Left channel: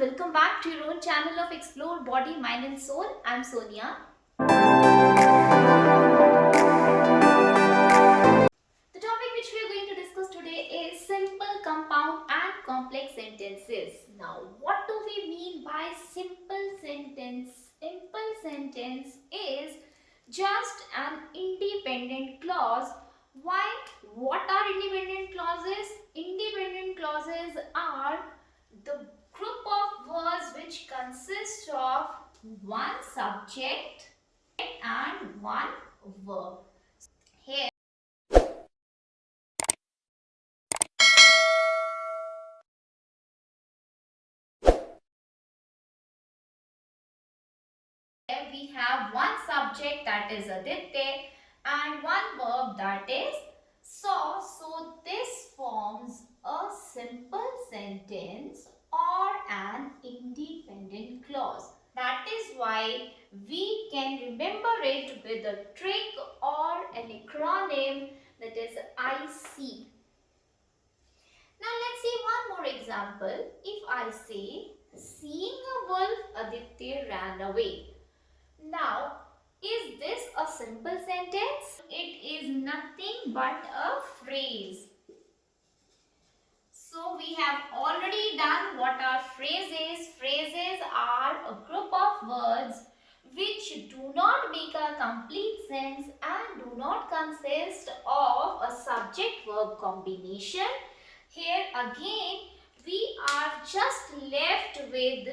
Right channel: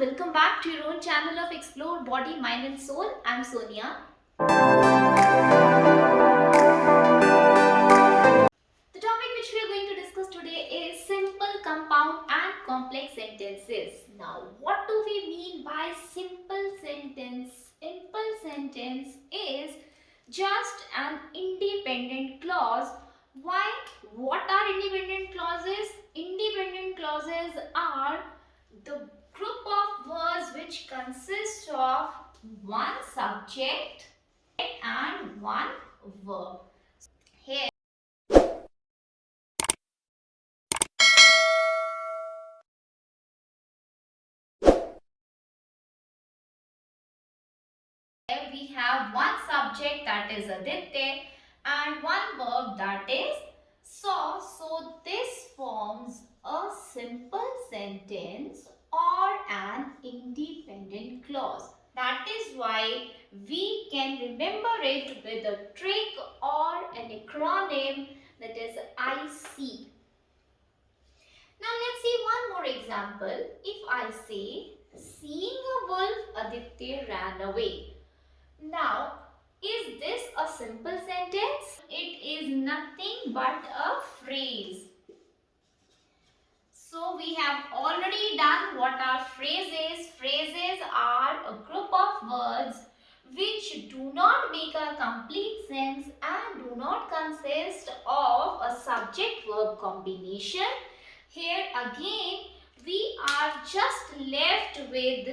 welcome back to your own channel of Explore Body, Mind and Soul. I'm Sonia. The topic which we are going to discuss today is simple, compound and complex sentences. Now, what do we mean by simple sentence? Simple sentence is just an independent clause. Why? What are independent clauses? Independent clauses are the group of words which consist of one subject and one verb. Here we have one subject, that is Aditya, and one verb, that is saw. So this forms a simple sentence or an independent clause. That is why we can remember it with a trick or an acronym, that is IC. Now let's see one more example. If I say, seeing a wolf, Aditya ran away. Now, is this a simple sentence? It is nothing but a phrase. So, we have already done what are phrases. Phrases are a group of words which do not make a complete sense and do not consist of a subject-verb combination. Here again, we are just left with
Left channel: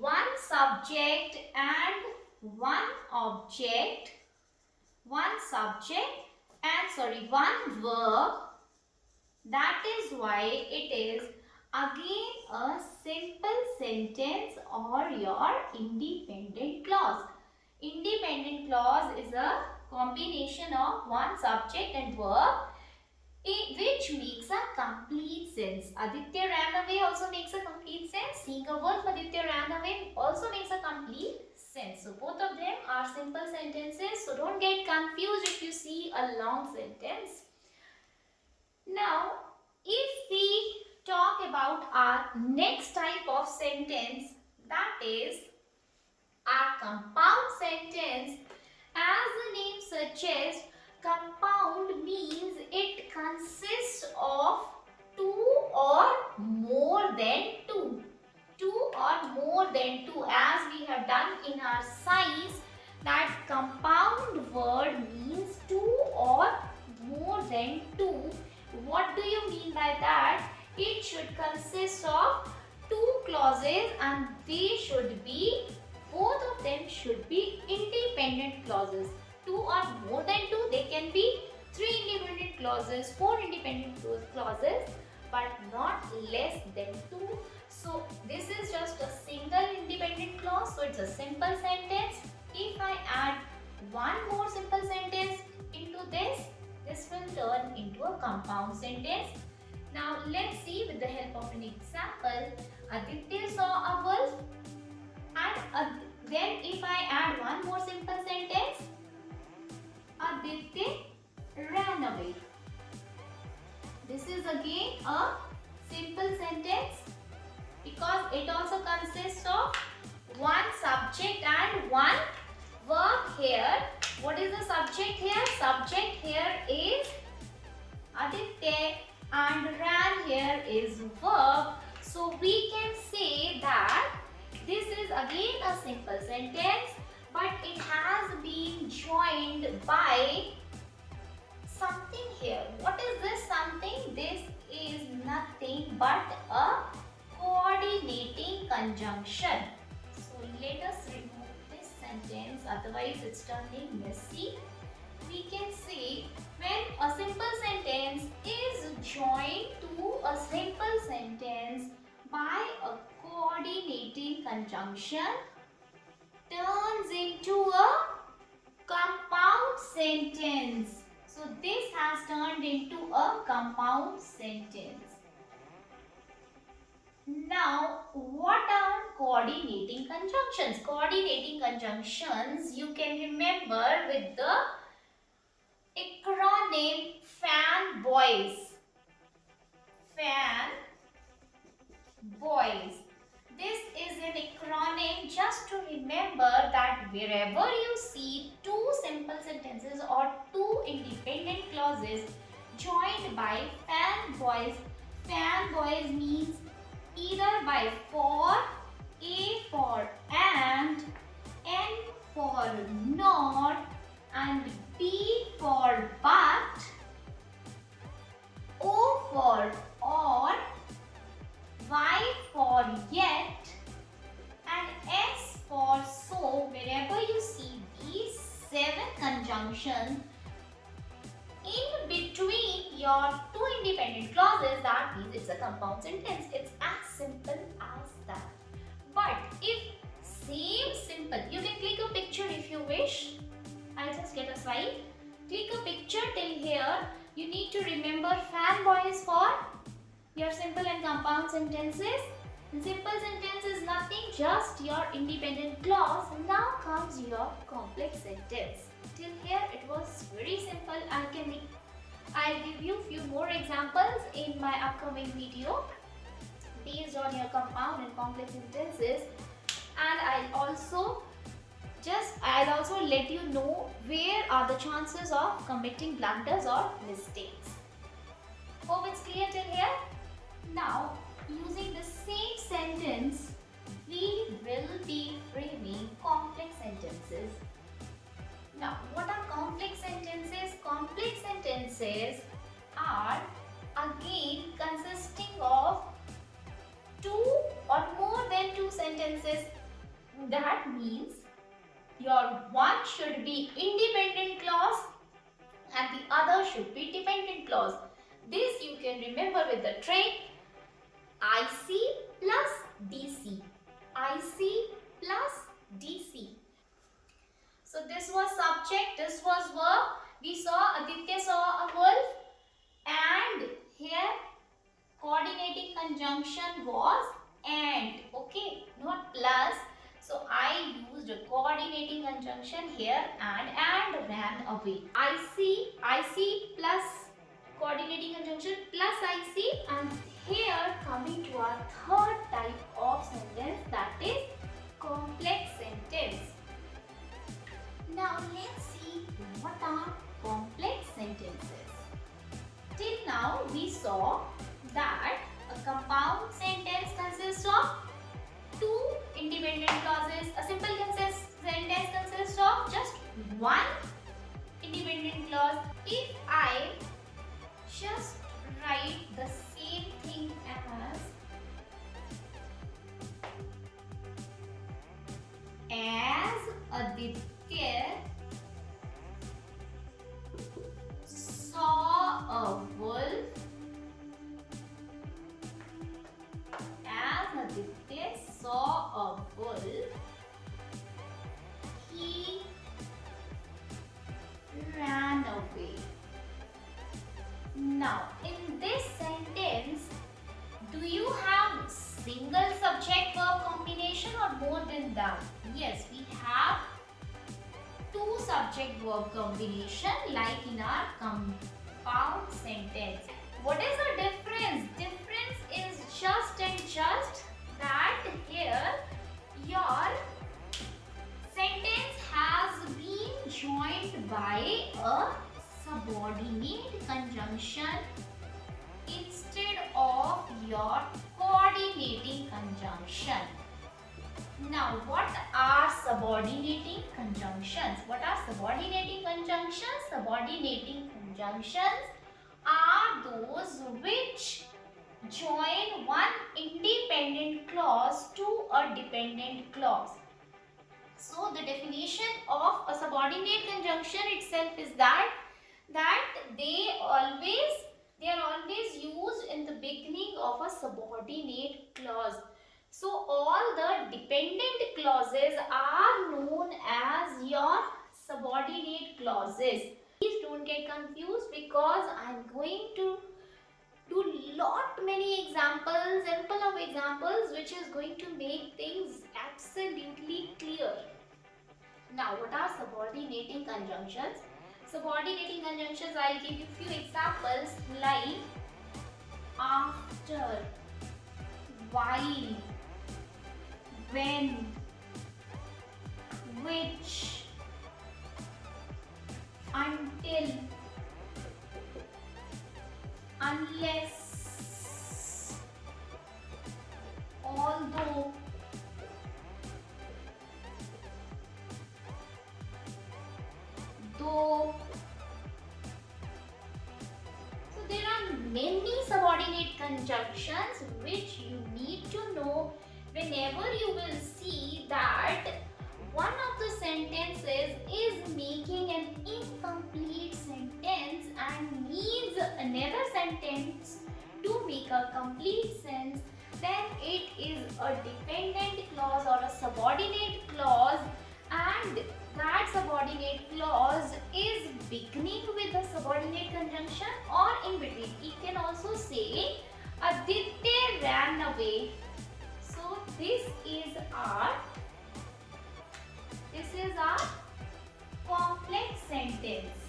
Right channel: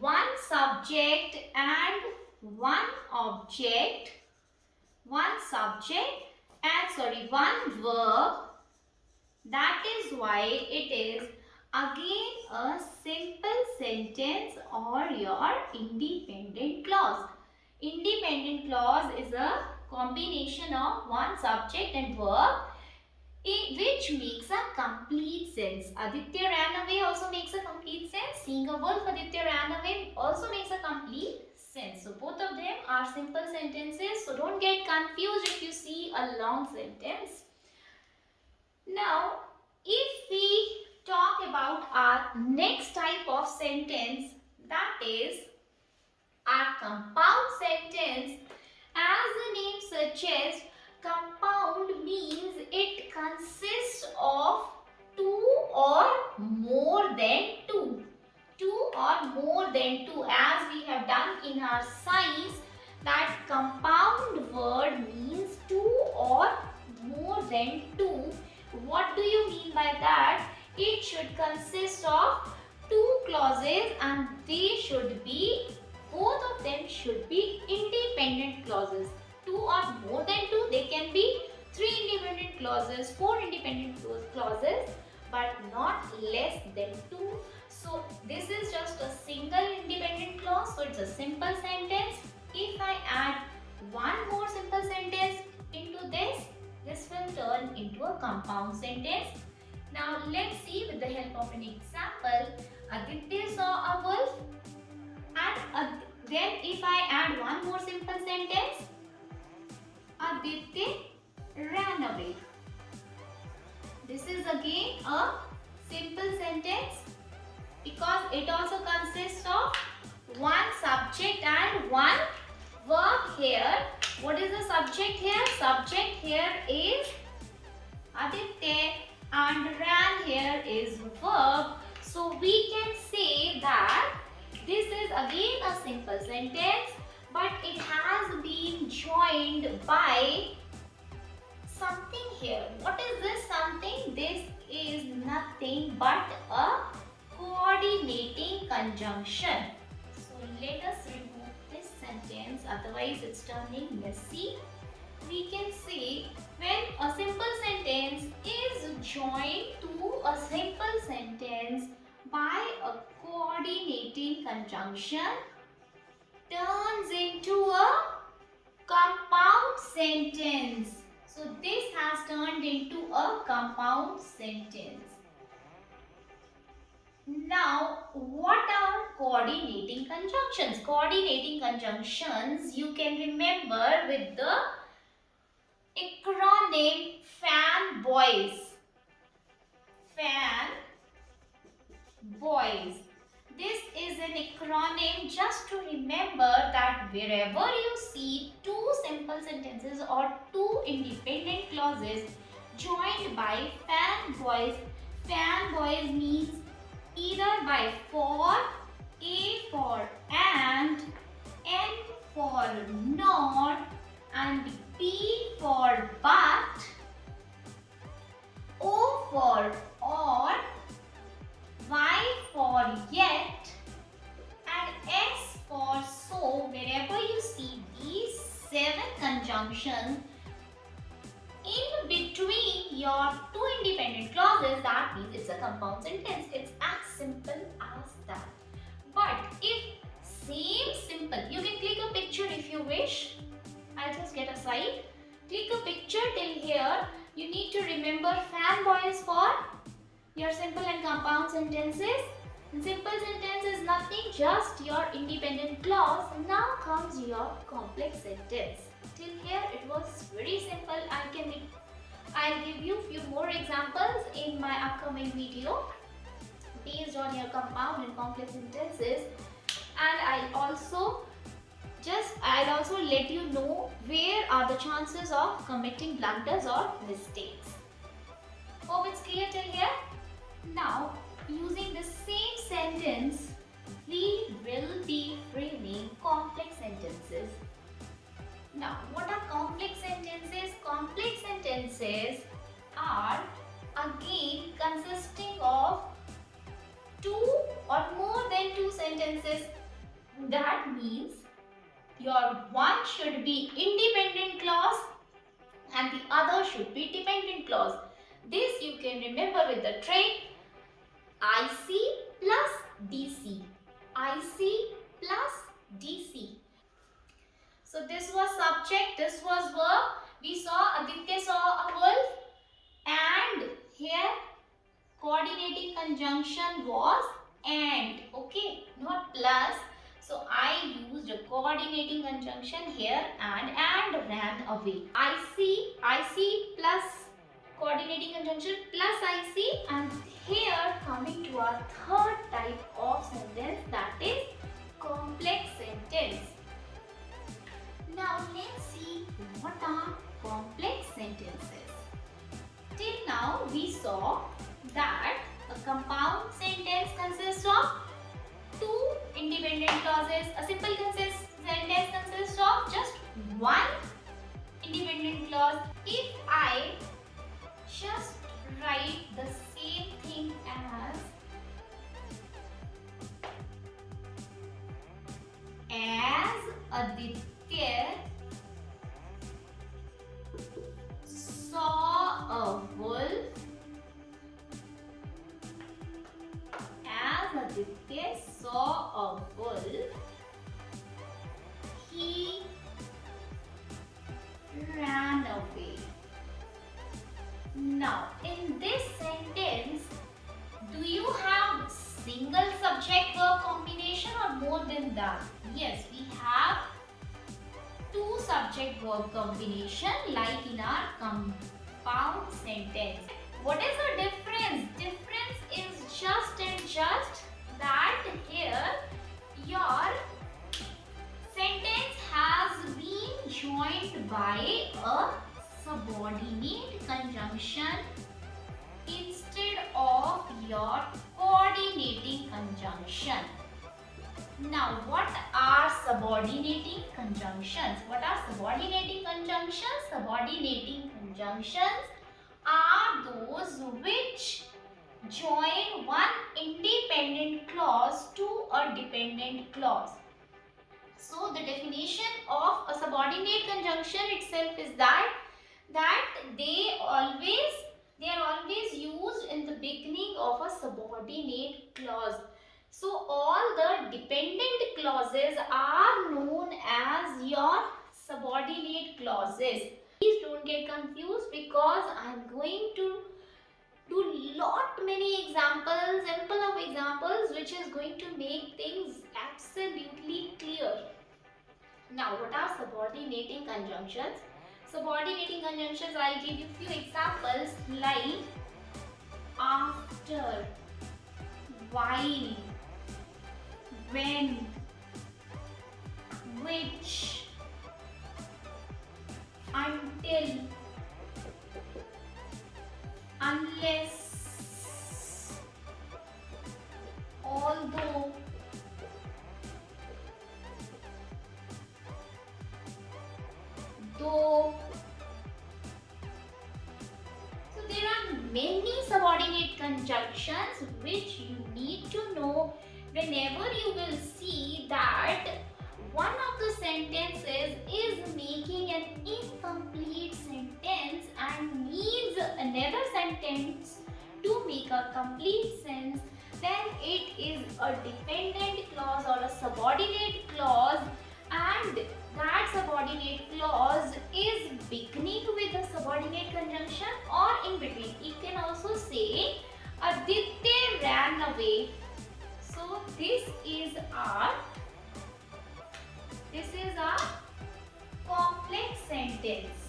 one subject and one object, one verb. That is why it is again a simple sentence or your independent clause. Independent clause is a combination of one subject and verb which makes a complete sense. Aditya ran away also makes a complete sense. Seeing a wolf, Aditya ran away also makes a complete sense. So both of them are simple sentences. So don't get confused if you see a long sentence. Now, if we talk about our next type of sentence, that is a compound sentence. As the name suggests, compound means it consists of two or more than two. Two or more than two, as we have done in our science, that compound word means two or more than two. What do you mean by that? It should consist of two clauses and they should be, both of them should be independent clauses. Two or more than two, they can be three independent clauses, four independent clauses, but not less than two. So this is just a single independent clause, so it's a simple sentence. If I add one more simple sentence into this will turn into a compound sentence. Now let's see with the help of an example. Aditya saw a wolf, and then if I add one more simple sentence, Aditya ran away. This is again a simple sentence because it also consists of one subject and one verb here. What is the subject here? Subject here is Aditya and ran here is verb. So we can say that this is again a simple sentence, but it has been joined by something here. What is this something? This is nothing but a coordinating conjunction. So let us remove this sentence, otherwise it's turning messy. We can say when a simple sentence is joined to a simple sentence by a coordinating conjunction, turns into a compound sentence. So this has turned into a compound sentence. Now, what are coordinating conjunctions? Coordinating conjunctions you can remember with the acronym FAN BOYS. This is an acronym just to remember that wherever you see two simple sentences or two independent clauses joined by fanboys, fanboys means either by for, A for and, N for not, and B for but, O for or, Y for yet, and S for so. Wherever you see these 7 conjunctions in between your two independent clauses, that means it's a compound sentence. It's as simple as that. But if same simple, you can click a picture if you wish. I'll just get a slide. Click a picture till here. You need to remember fanboys for your simple and compound sentences. Simple sentence is nothing, just your independent clause. Now comes your complex sentence. Till here it was very simple. I'll give you few more examples in my upcoming video based on your compound and complex sentences, and I'll also let you know where are the chances of committing blunders or mistakes. Hope it's clear till here. Now, using the same sentence, we will be framing complex sentences. Now, what are complex sentences? Complex sentences are again consisting of two or more than two sentences. That means your one should be independent clause and the other should be dependent clause. This you can remember with the trick IC plus DC. IC plus DC. So this was subject, this was verb. We saw Aditya saw a wolf, and here coordinating conjunction was and. Okay, not plus. So I used a coordinating conjunction here and ran away. IC plus coordinating conjunction plus IC, and here coming to our third type of sentence, that is complex sentence. Now let's see what are complex sentences. Till now we saw that a compound sentence consists of two independent clauses. A simple sentence consists of just one independent clause. If I just write the same thing as Aditya saw a wolf, as Aditya saw a wolf, he ran away. Now, in this sentence, do you have single subject verb combination or more than that? Yes, we have two subject verb combination like in our compound sentence. What is the difference? Difference is just and just that here your sentence has been joined by a subordinate conjunction instead of your coordinating conjunction. Now, what are subordinating conjunctions? What are subordinating conjunctions? Subordinating conjunctions are those which join one independent clause to a dependent clause. So, the definition of a subordinate conjunction itself is that they are always used in the beginning of a subordinate clause. So all the dependent clauses are known as your subordinate clauses. Please don't get confused because I am going to do many examples, simple of examples, which is going to make things absolutely clear. Now, what are subordinating conjunctions? Subordinating conjunctions, I'll give you few examples like after, while, when, which, until, unless, although, though. So there are many subordinate conjunctions which you need to know whenever you will see that one of the sentences is making an incomplete sentence and needs another sentence to make a complete sense, then it is a dependent clause or a subordinate clause, and that subordinate clause is beginning with a subordinate conjunction or in between. It can also say Aditya ran away. So this is our complex sentence.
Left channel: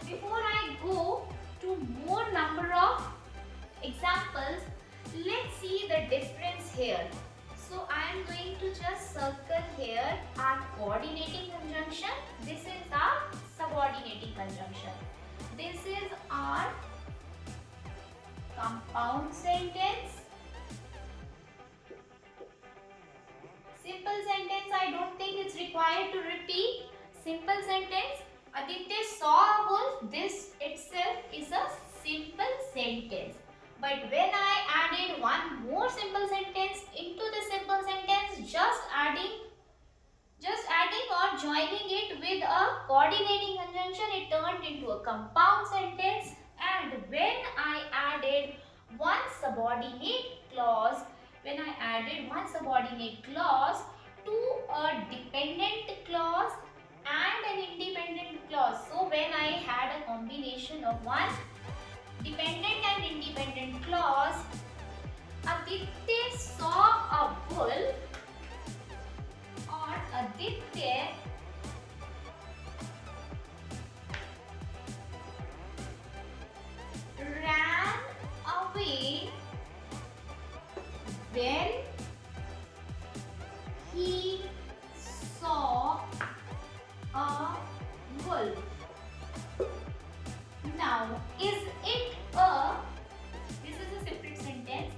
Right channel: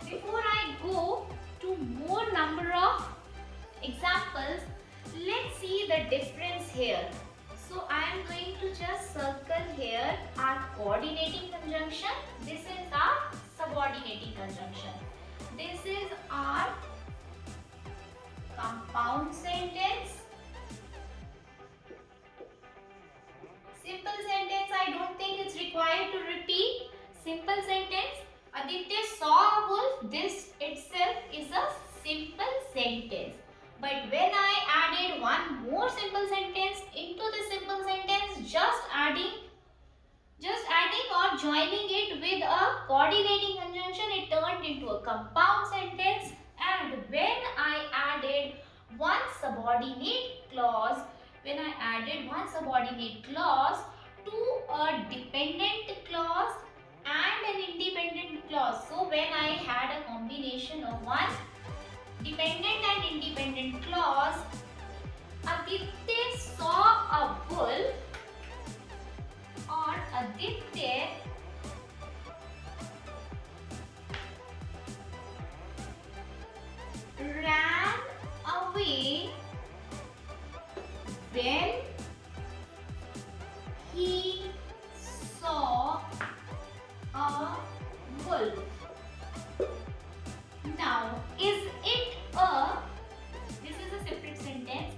Before I go to more number of examples, let's see the difference here. So I am going to just circle here our coordinating conjunction. This is our subordinating conjunction. This is our compound sentence. Simple sentence, I don't think it's required to repeat. Simple sentence, Aditya saw a wolf. This itself is a simple sentence. But when I added one more simple sentence into the simple sentence, just adding or joining it with a coordinating conjunction, it turned into a compound sentence. And when I added one subordinate clause to a dependent clause and an independent clause. So when I had a combination of one dependent and independent clause, Aditya saw a wolf or Aditya ran away when he saw a wolf. Now, this is a separate sentence.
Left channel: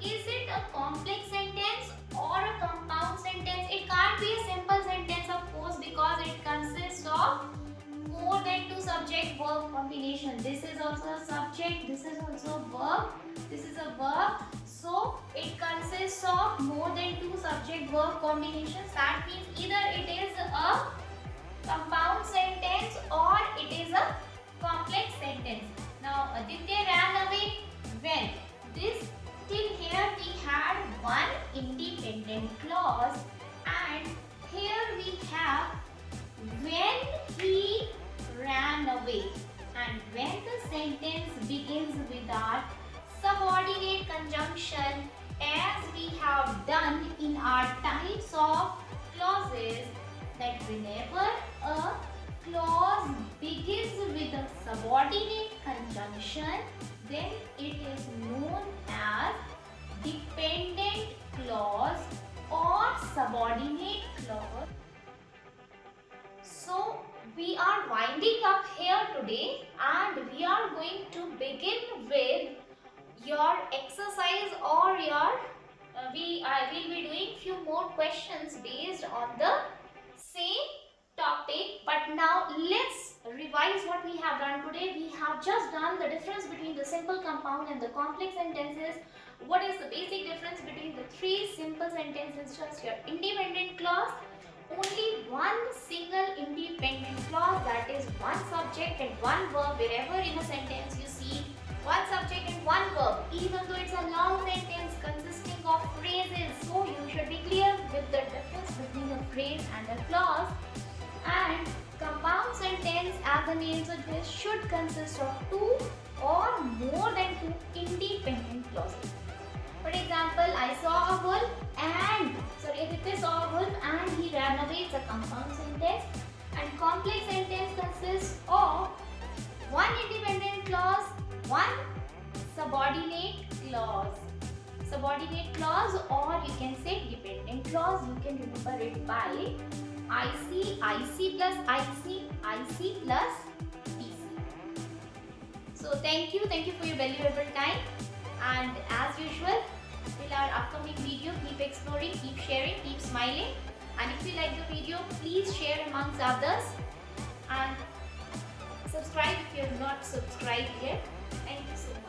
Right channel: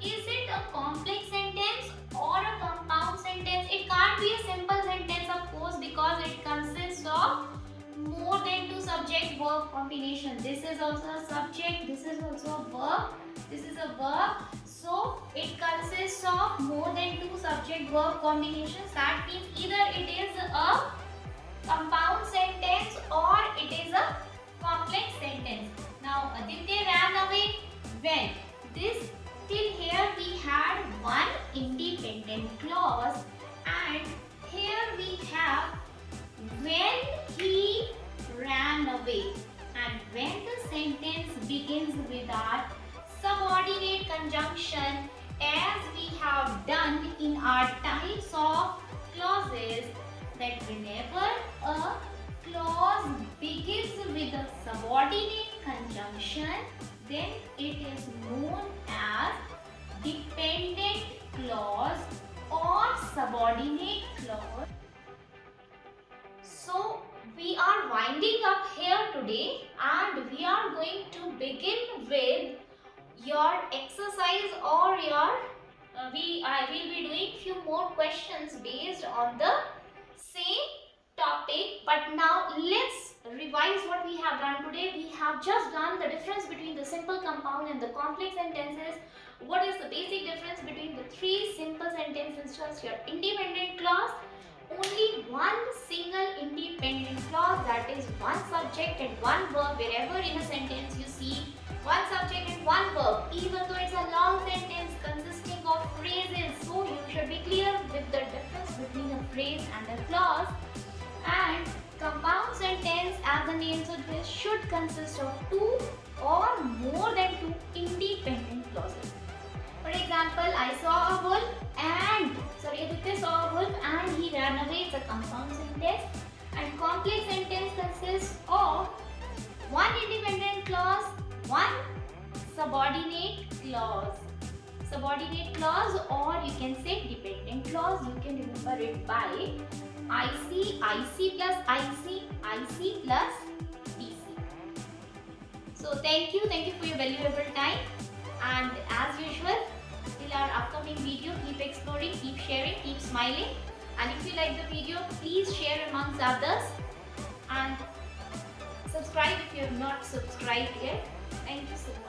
Is it a complex sentence or a compound sentence? It can't be a simple sentence, of course, because it consists of more than two subject-verb combination. This is also a subject, this is also a verb, this is a verb. So, it consists of more than two subject-verb combinations. That means either it is a compound sentence or it is a complex sentence. Now, Aditya ran away when. This till here we had one independent clause, and here we have when he ran away. And when the sentence begins with our subordinate conjunction, as we have done in our types of clauses, that whenever a clause begins with a subordinate conjunction, then it is known as dependent clause or subordinate clause. So we are winding up here today, and we are going to begin with your exercise or your I will be doing few more questions based on the same topic. But now let's revise what we have done today. We have just done the difference between the simple, compound and the complex sentences. What is the basic difference between the three simple sentences? Just your independent clause, only one single independent clause, that is one subject and one verb. Wherever in a sentence you see one subject and one verb, even though it's a long sentence consisting of phrases, so you should be clear with the difference between a phrase and a clause. And compound sentence, as the name suggests, should consist of two or more than two independent clauses. For example, Aditya saw a wolf and he ran away. It's a compound sentence. And complex sentence consists of one independent clause, one subordinate clause. Subordinate clause, or you can say dependent clause. You can remember it by IC, IC plus IC, IC plus DC. So thank you for your valuable time, and as usual, till our upcoming video, keep exploring, keep sharing, keep smiling, and if you like the video, please share amongst others and subscribe if you have not subscribed yet. Thank you so much.